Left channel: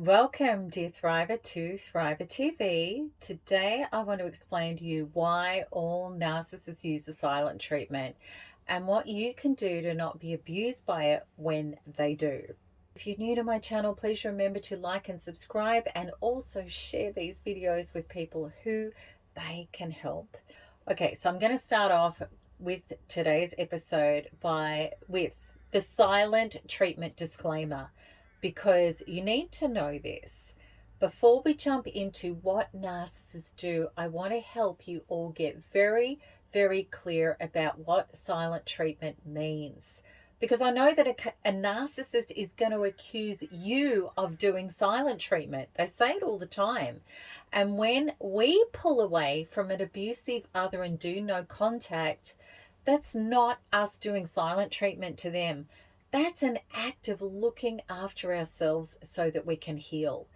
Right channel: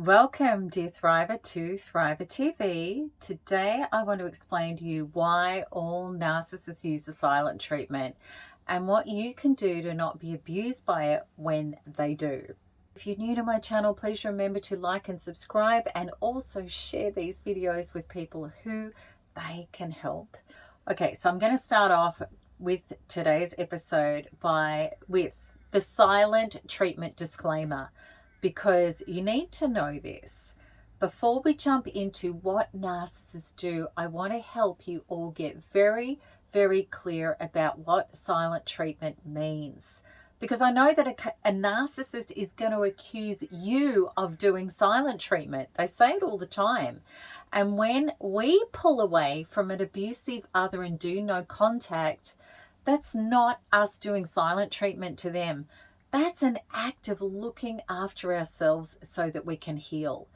Welcome, dear Thriver, to Thriver TV. Today, I want to explain to you why all narcissists use the silent treatment and what you can do to not be abused by it when they do. If you're new to my channel, please remember to like and subscribe and also share these videos with people who they can help. Okay, so I'm going to start off with today's episode with the silent treatment disclaimer, because you need to know this. Before we jump into what narcissists do, I want to help you all get very, very clear about what silent treatment means. Because I know that a narcissist is going to accuse you of doing silent treatment. They say it all the time. And when we pull away from an abusive other and do no contact, that's not us doing silent treatment to them. That's an act of looking after ourselves so that we can heal.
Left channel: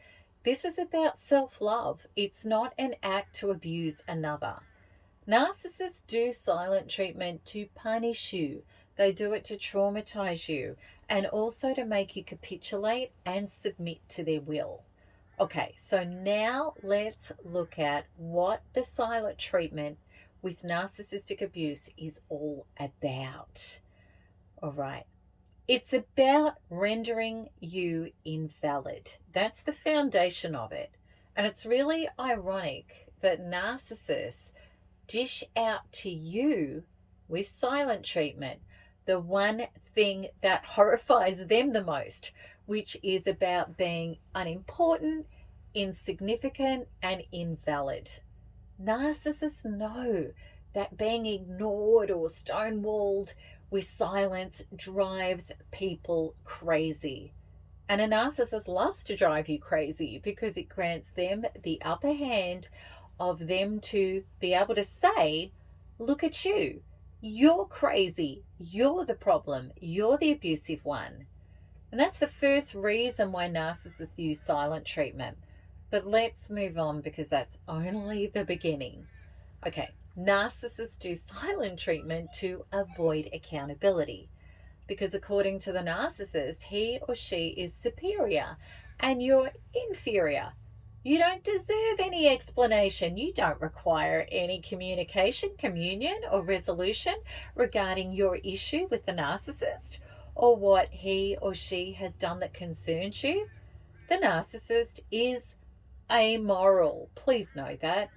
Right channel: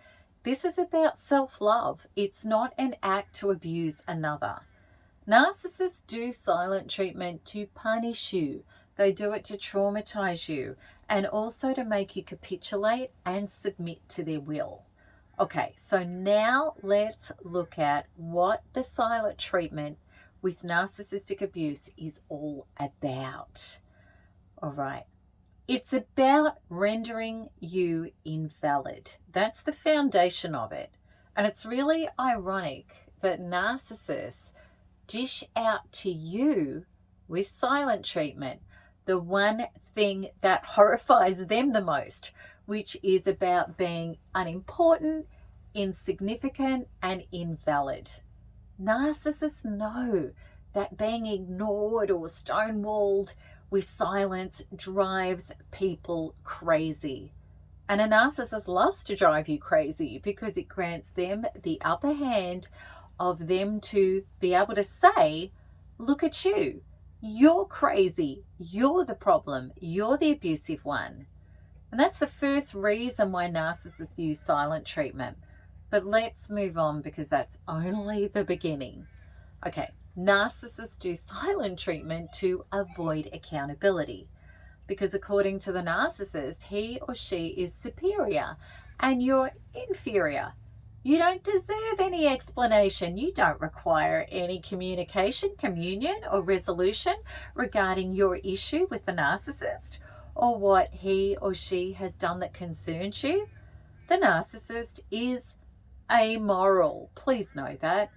This is about self-love. It's not an act to abuse another. Narcissists do silent treatment to punish you. They do it to traumatize you and also to make you capitulate and submit to their will. Okay, so now let's look at what the silent treatment with narcissistic abuse is all about. All right. It's about rendering you invalid. That's the foundation of it. And it's really ironic that narcissists dish out to you with silent treatment the one thing that horrifies them the most, which is about being unimportant, insignificant, and invalid. Narcissists know that being ignored or stonewalled with silence drives people crazy. And a narcissist loves to drive you crazy because it grants them the upper hand of them to be able to say, look at you, you're crazy, you're the problem, you're the abusive one. And that's the first reason why narcissists use silent treatment. But let's move on because that's only the beginning. Okay. Narcissists do silent treatment to avoid accountability because according to the narcissist, he or she is superior and you're inferior. You don't deserve any explanation. You don't require any communication, communion, or resolution regarding your issue with the narcissist or what he or she has done that concerns you. The narcissist is amoral. Please know that.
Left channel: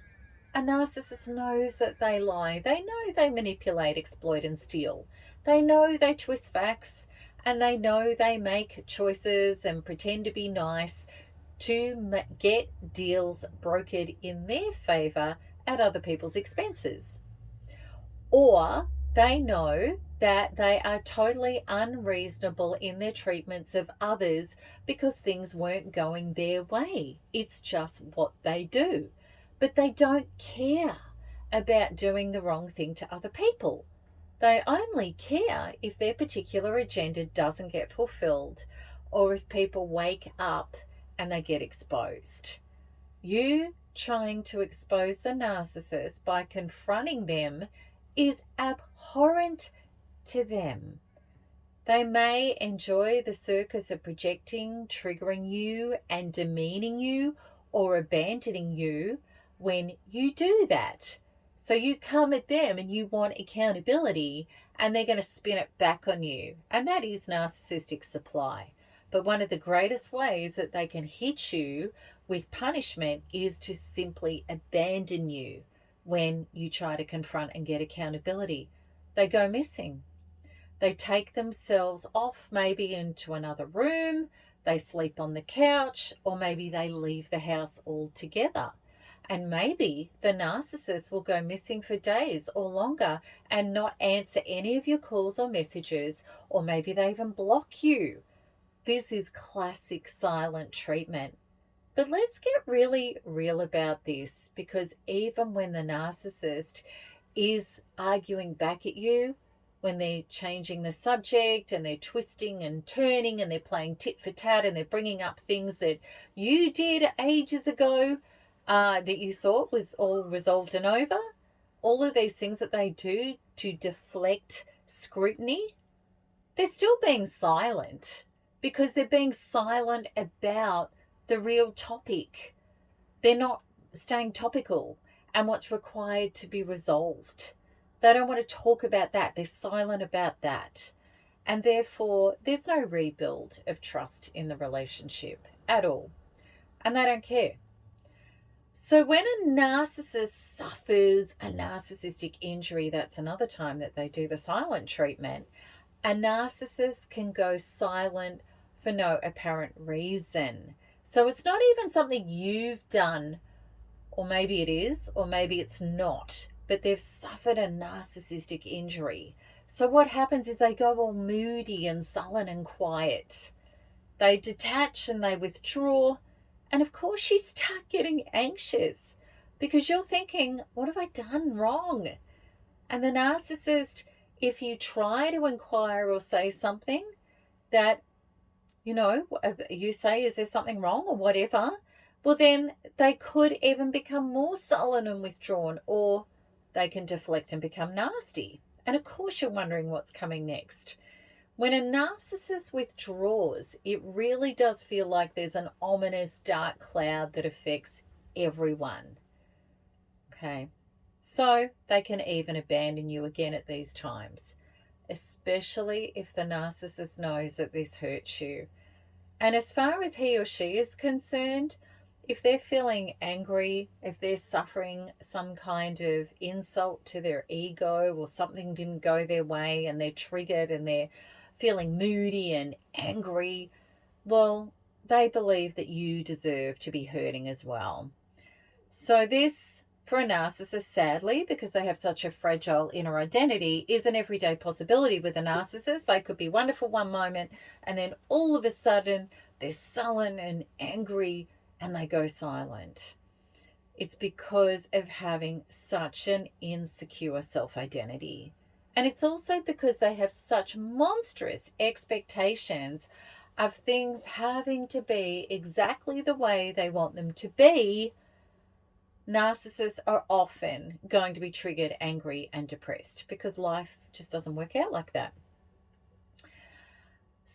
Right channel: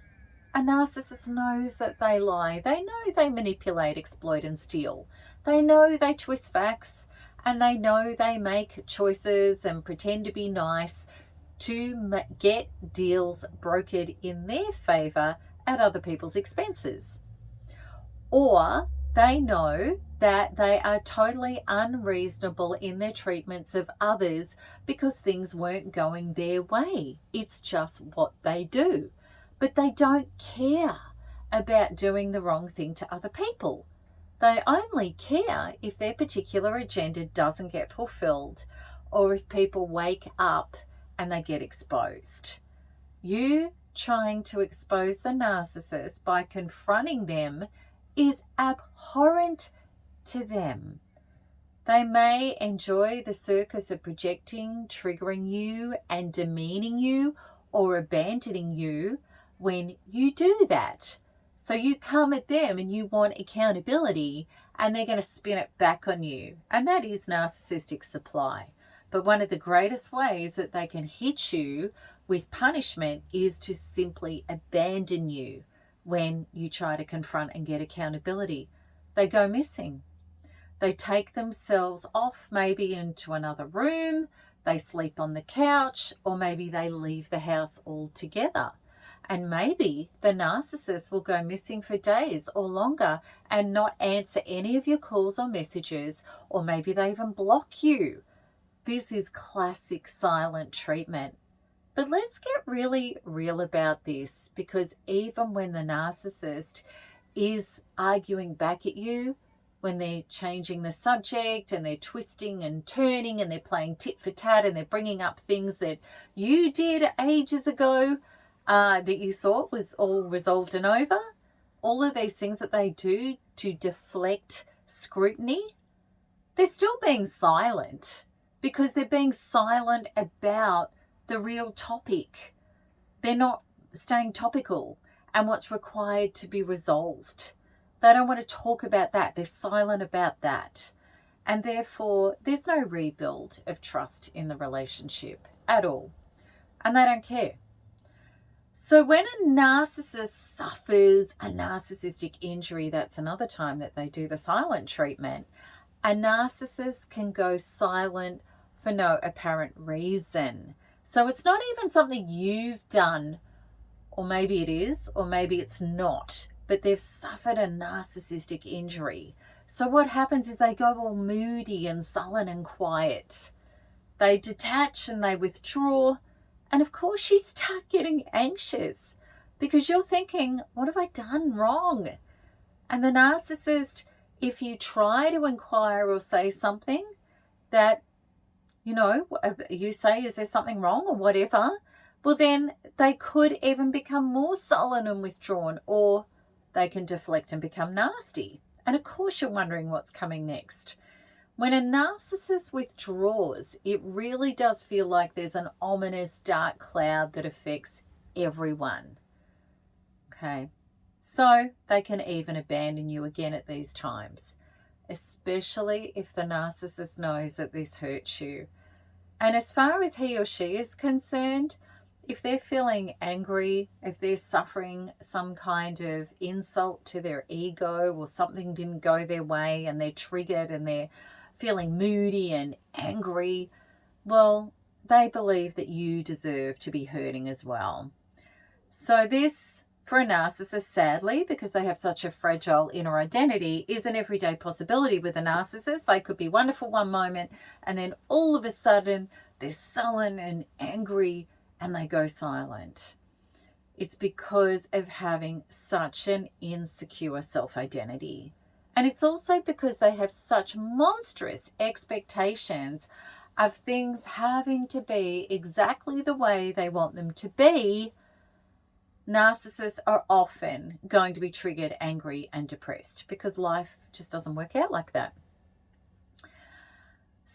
A narcissist knows that they lie. They know they manipulate, exploit, and steal. They know they twist facts, and they know they make choices and pretend to be nice to get deals brokered in their favor at other people's expenses. Or they know that they are totally unreasonable in their treatments of others because things weren't going their way. It's just what they do. But they don't care about doing the wrong thing to other people. They only care if their particular agenda doesn't get fulfilled or if people wake up and they get exposed. You trying to expose the narcissist by confronting them is abhorrent to them. They may enjoy the circus of projecting, triggering you, and demeaning you or abandoning you when you do that. So you come at them and you want accountability and they're going to spin it back on you. And that is narcissistic supply. But one of the greatest ways that they can hit you with punishment is to simply abandon you when you try to confront and get accountability. They go missing. They take themselves off maybe into another room. They sleep on the couch, or maybe they leave the house altogether. And maybe the narcissist will go missing for days or longer and not answer any of your calls or messages, or maybe they even block you. This is classic silent treatment. But let's get really real about this, because even when the narcissist is arguing back at you, when they're changing the subject and they're twisting and turning and they're playing tit for tat and they're bringing up things that you did ages ago, that you thought was all resolved and over, all of these things that they do to deflect scrutiny, they're still being silent because they're being silent about the real topic. They're not staying topical and what's required to be resolved. They don't want to talk about that. They're silent about that. And therefore, there's no rebuild of trust in the relationship at all. And they don't care. So when a narcissist suffers a narcissistic injury, that's another time that they do the silent treatment. A narcissist can go silent for no apparent reason. So it's not even something you've done, or maybe it is, or maybe it's not, but they've suffered a narcissistic injury. So what happens is they go all moody and sullen and quiet. They detach and they withdraw. And of course you start getting anxious because you're thinking, what have I done wrong? And the narcissist, if you try to inquire or say something that, you say, is there something wrong or whatever? Well, then they could even become more sullen and withdrawn, or they can deflect and become nasty. And of course you're wondering what's coming next. When a narcissist withdraws, it really does feel like there's an ominous dark cloud that affects everyone. Okay, so they can even abandon you again at these times, especially if the narcissist knows that this hurts you. And as far as he or she is concerned, if they're feeling angry, if they're suffering some kind of insult to their ego or something didn't go their way and they're triggered and they're feeling moody and angry, well, they believe that you deserve to be hurting as well. So this, for a narcissist, sadly, because they have such a fragile inner identity, is an everyday possibility with a narcissist. They could be wonderful one moment and then all of a sudden they're sullen and angry and they go silent. It's because of having such an insecure self-identity. And it's also because they have such monstrous expectations of things having to be exactly the way they want them to be. Narcissists are often going to be triggered, angry, and depressed because life just doesn't work out like that.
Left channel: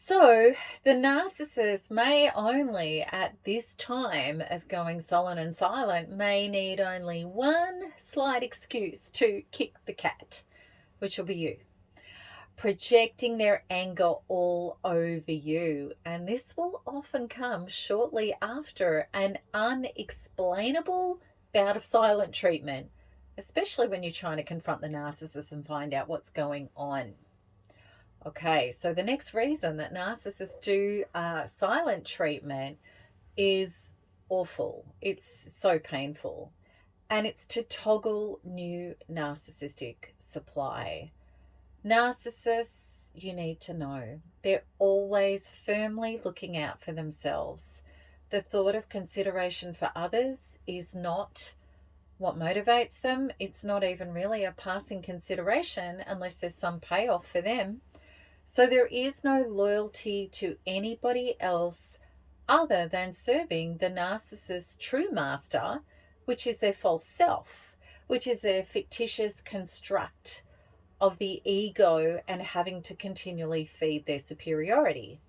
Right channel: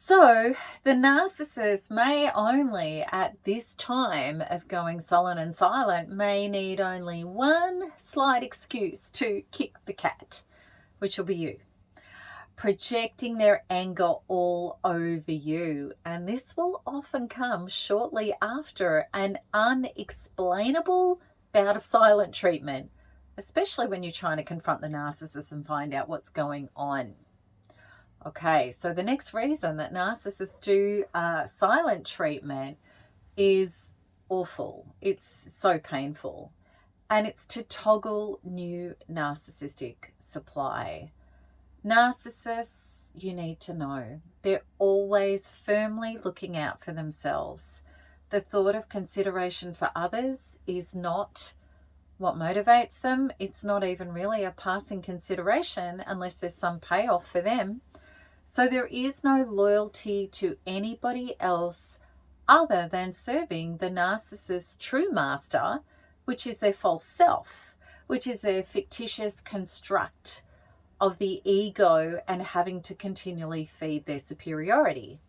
So the narcissist may only, at this time of going sullen and silent, may need only one slight excuse to kick the cat, which will be you, projecting their anger all over you. And this will often come shortly after an unexplainable bout of silent treatment, especially when you're trying to confront the narcissist and find out what's going on. Okay, so the next reason that narcissists do silent treatment is awful. It's so painful. And it's to toggle new narcissistic supply. Narcissists, you need to know, they're always firmly looking out for themselves. The thought of consideration for others is not what motivates them. It's not even really a passing consideration unless there's some payoff for them. So there is no loyalty to anybody else other than serving the narcissist's true master, which is their false self, which is their fictitious construct of the ego and having to continually feed their superiority.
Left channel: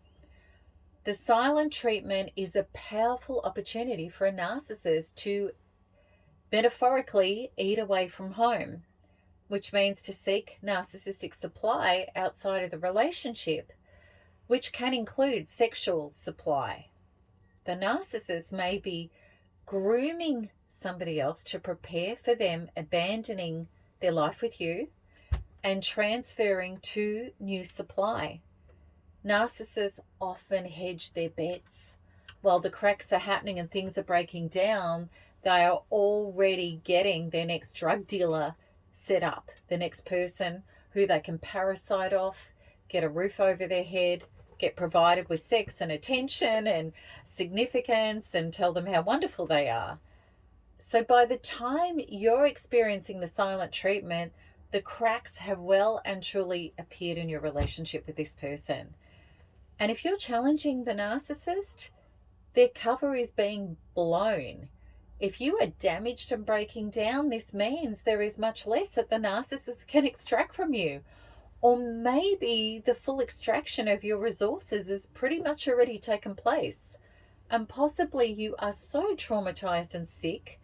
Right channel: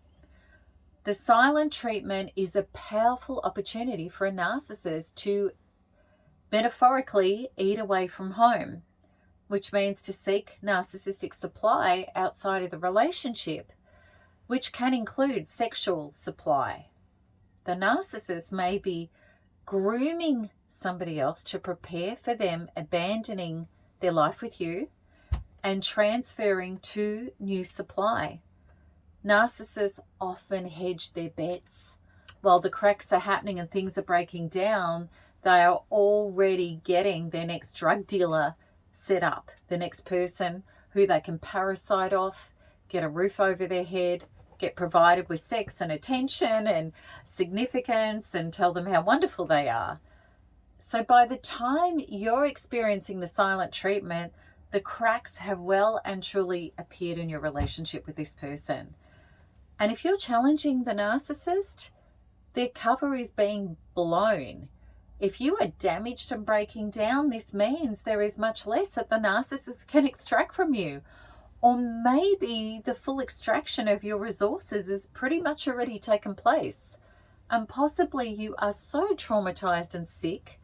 The silent treatment is a powerful opportunity for a narcissist to metaphorically eat away from home, which means to seek narcissistic supply outside of the relationship, which can include sexual supply. The narcissist may be grooming somebody else to prepare for them abandoning their life with you and transferring to new supply. Narcissists often hedge their bets. While the cracks are happening and things are breaking down, they are already getting their next drug dealer set up, the next person who they can parasite off, get a roof over their head, get provided with sex and attention and significance, and tell them how wonderful they are. So by the time you're experiencing the silent treatment, the cracks have well and truly appeared in your relationship with this person. And if you're challenging the narcissist, their cover is being blown. If you are damaged and breaking down, this means there is much less that the narcissist can extract from you. Or maybe the full extraction of your resources is pretty much already taken place. and possibly you are so traumatized and sick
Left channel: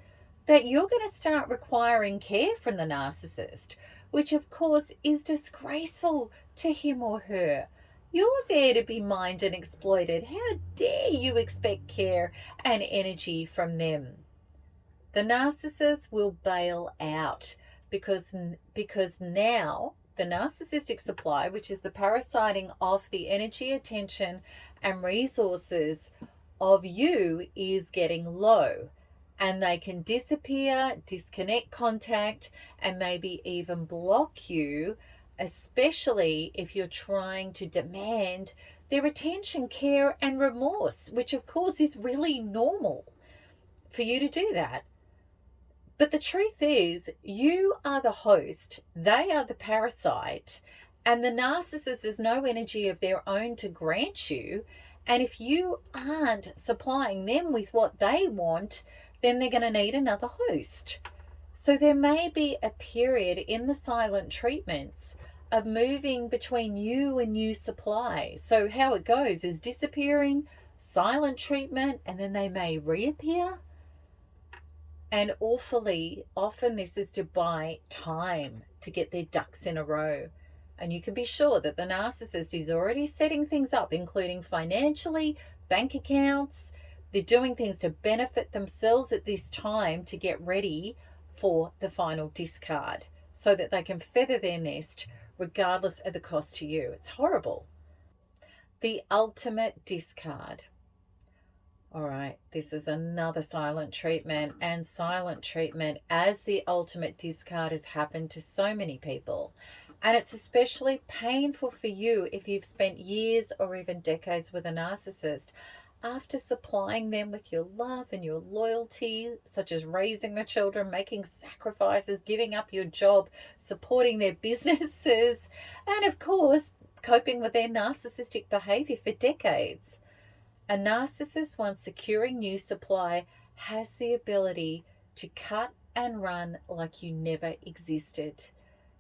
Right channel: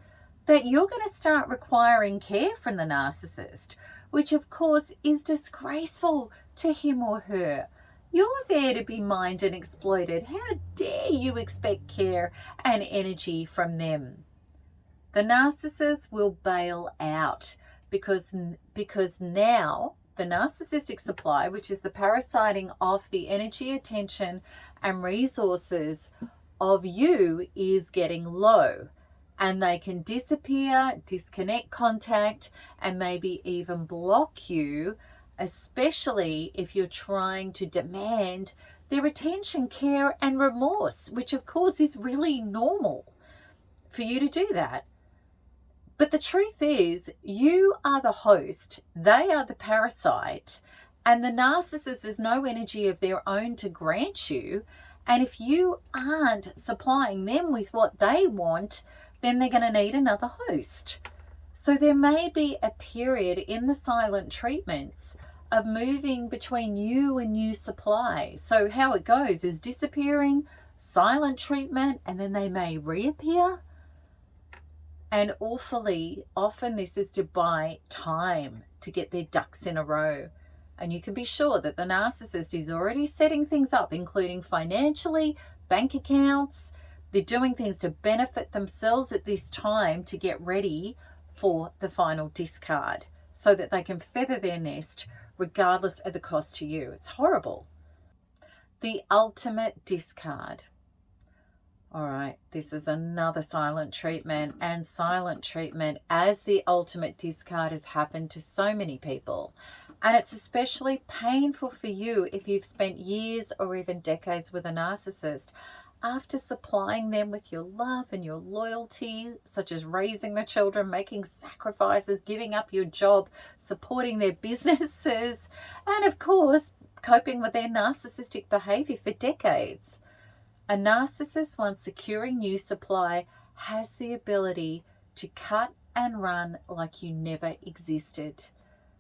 that you're going to start requiring care from the narcissist, which of course is disgraceful to him or her. You're there to be mined and exploited. How dare you expect care and energy from them? The narcissist will bail out because now the narcissistic supply, which is the parasiting of the energy, attention, and resources of you, is getting low. And they can disappear, disconnect contact, and maybe even block you, especially if you're trying to demand their attention, care, and remorse, which of course is really normal for you to do that. But the truth is, you are the host, they are the parasite, and the narcissist has no energy of their own to grant you. And if you aren't supplying them with what they want, then they're going to need another host. So there may be a period in the silent treatments of moving between you and new supply. So how it goes is disappearing, silent treatment, and then they may reappear. And awfully often this is to buy time to get their ducks in a row. And you can be sure that the narcissist is already setting things up, including financially, bank accounts. They're doing things to benefit themselves at this time to get ready for the final discard so that they can feather their nest regardless of the cost to you. It's horrible. The ultimate discard. All right, this is another silent treatment, and silent treatment as the ultimate discard has happened to so many people. And it's especially painful for you if you've spent years or even decades with a narcissist. After supplying them with your love and your loyalty, such as raising the children, making sacrifices, giving up your job, supporting their businesses, and of course, coping with their narcissistic behavior for decades. A narcissist, once securing new supply, has the ability to cut and run like you never existed.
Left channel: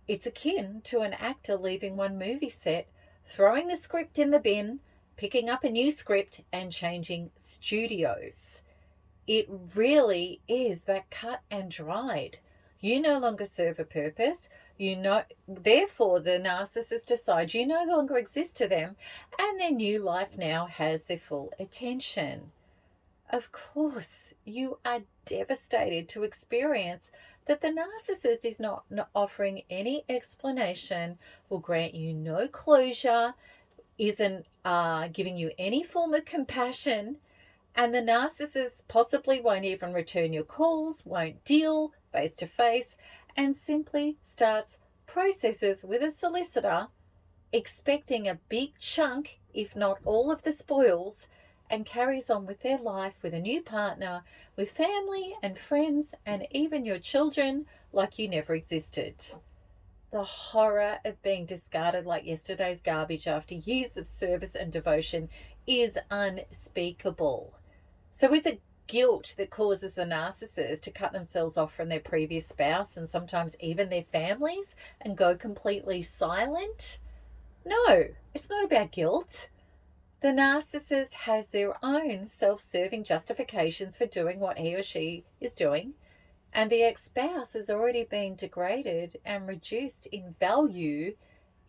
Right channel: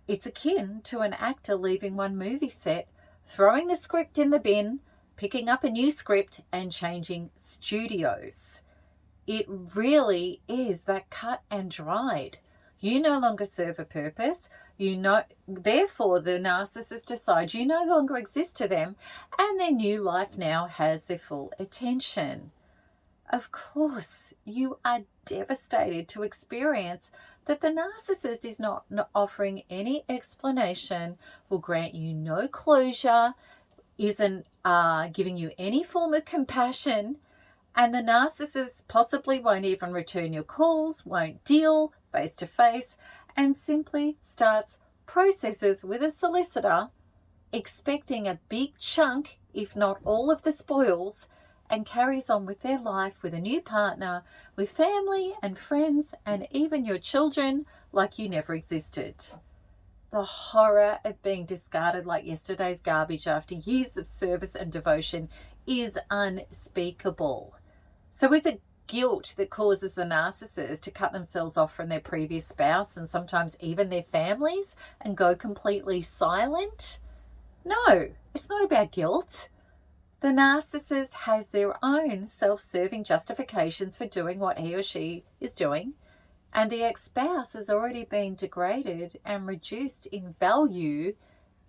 It's akin to an actor leaving one movie set, throwing the script in the bin, picking up a new script, and changing studios. It really is that cut and dried. You no longer serve a purpose. Therefore, the narcissist decides you no longer exist to them, and their new life now has their full attention. Of course, you are devastated to experience that the narcissist is not offering any explanation, will grant you no closure, isn't giving you any form of compassion, and the narcissist possibly won't even return your calls, won't deal face to face, and simply starts processes with a solicitor, expecting a big chunk, if not all of the spoils, and carries on with their life with a new partner, with family and friends, and even your children like you never existed. The horror of being discarded like yesterday's garbage after years of service and devotion is unspeakable. So is it guilt that causes the narcissist to cut themselves off from their previous spouse and sometimes even their families and go completely silent? No, it's not about guilt. The narcissist has their own self-serving justifications for doing what he or she is doing, and the ex-spouse has already been degraded and reduced in value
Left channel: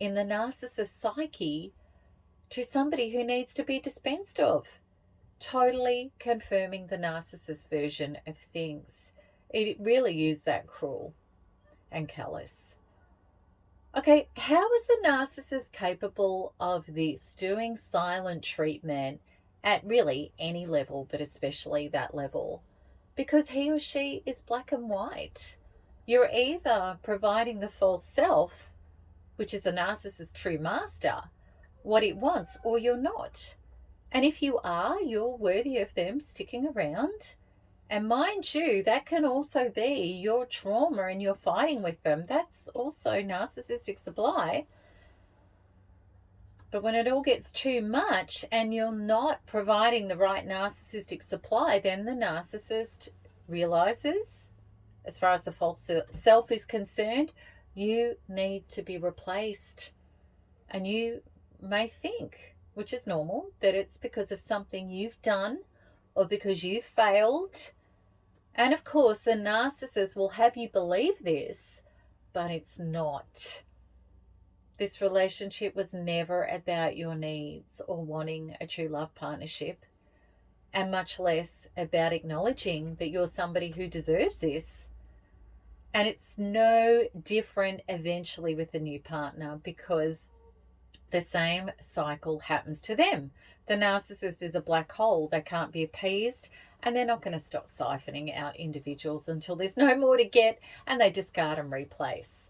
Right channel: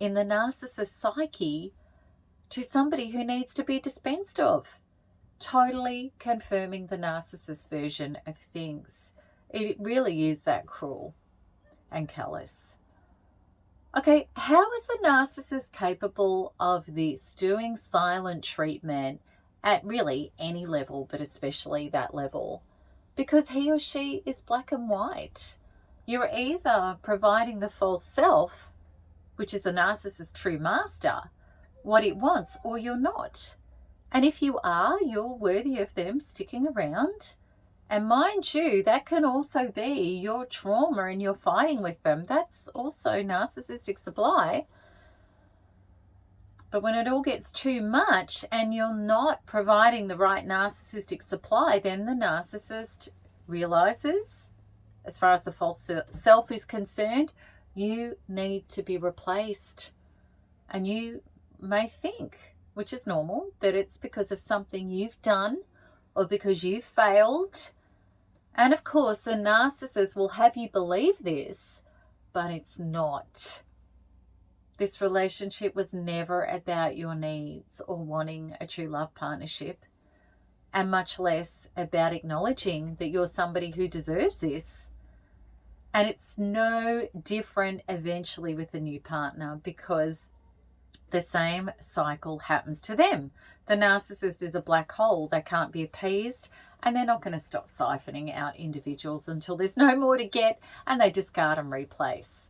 in the narcissist psyche to somebody who needs to be dispensed of. Totally confirming the narcissist version of things. It really is that cruel and callous. Okay, how is the narcissist capable of this, doing silent treatment at really any level, but especially that level? Because he or she is black and white. You're either providing the false self, which is a narcissist's true master, what it wants, or you're not. And if you are, you're worthy of them sticking around. And mind you, that can also be your trauma and you're fighting with them. That's also narcissistic supply. But when it all gets too much and you're not providing the right narcissistic supply, then the narcissist realizes, as far as the false self is concerned, you need to be replaced. And you may think, which is normal, that it's because of something you've done or because you failed. And of course, the narcissist will have you believe this, but it's not. This relationship was never about your needs or wanting a true love partnership, and much less about acknowledging that you're somebody who deserves this. And it's no different eventually with a new partner, because the same cycle happens to them. The narcissist is a black hole. They can't be appeased, and they're not going to stop siphoning out individuals until there's no more to get, and they discard and replace.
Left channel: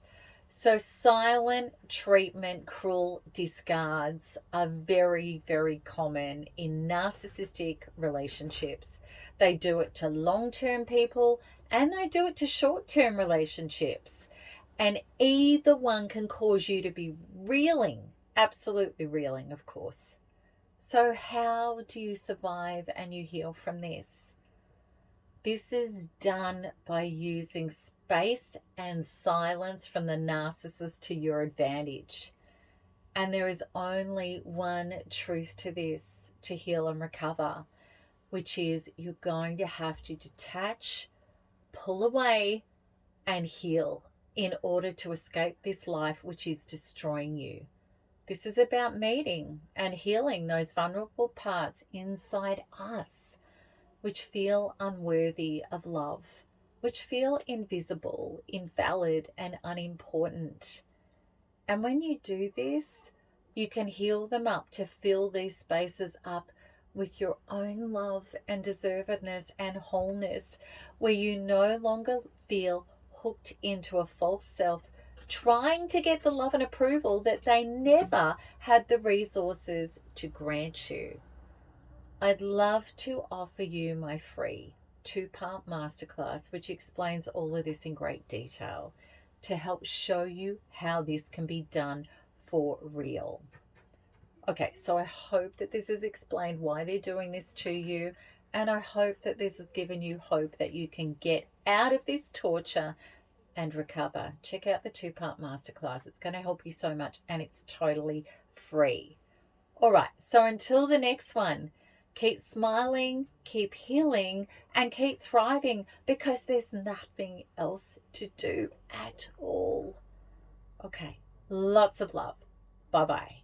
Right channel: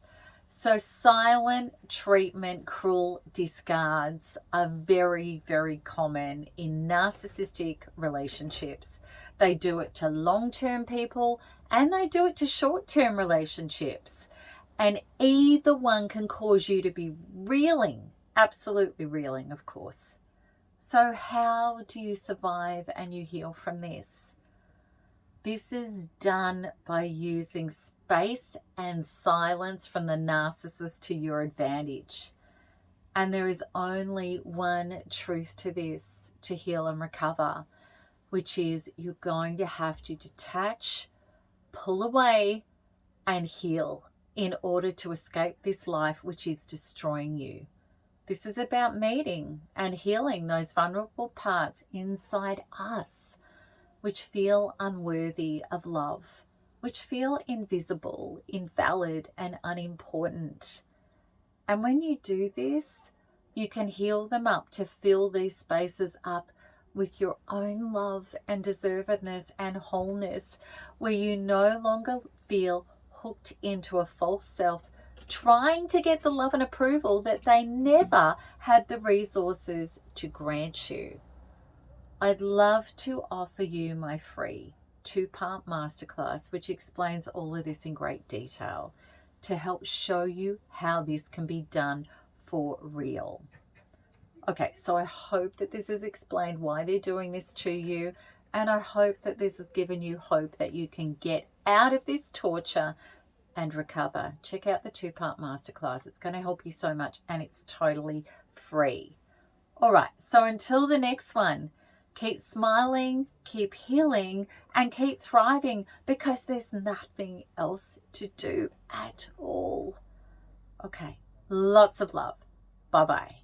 So silent treatment, cruel discards are very, very common in narcissistic relationships. They do it to long-term people, and they do it to short-term relationships. And either one can cause you to be reeling, absolutely reeling, of course. So how do you survive and you heal from this? This is done by using space and silence from the narcissist to your advantage. And there is only one truth to this to heal and recover, which is you're going to have to detach, pull away, and heal in order to escape this life which is destroying you. This is about meeting and healing those vulnerable parts inside us which feel unworthy of love, which feel invisible, invalid, and unimportant. And when you do this, you can heal them up to fill these spaces up with your own love and deservedness and wholeness, where you no longer feel hooked into a false self, trying to get the love and approval that they never had the resources to grant you. I'd love to offer you my free 2-part masterclass, which explains all of this in great detail to help show you how this can be done for real. Okay, so I hope that this has explained why they're doing this to you, and I hope that this has given you hope that you can get out of this torture and recover. Check out the 2-part masterclass. It's going to help you so much, and it's totally free. All right, so until the next one, keep smiling, keep healing, and keep thriving, because there's nothing else to do at all. Okay, lots of love. Bye-bye.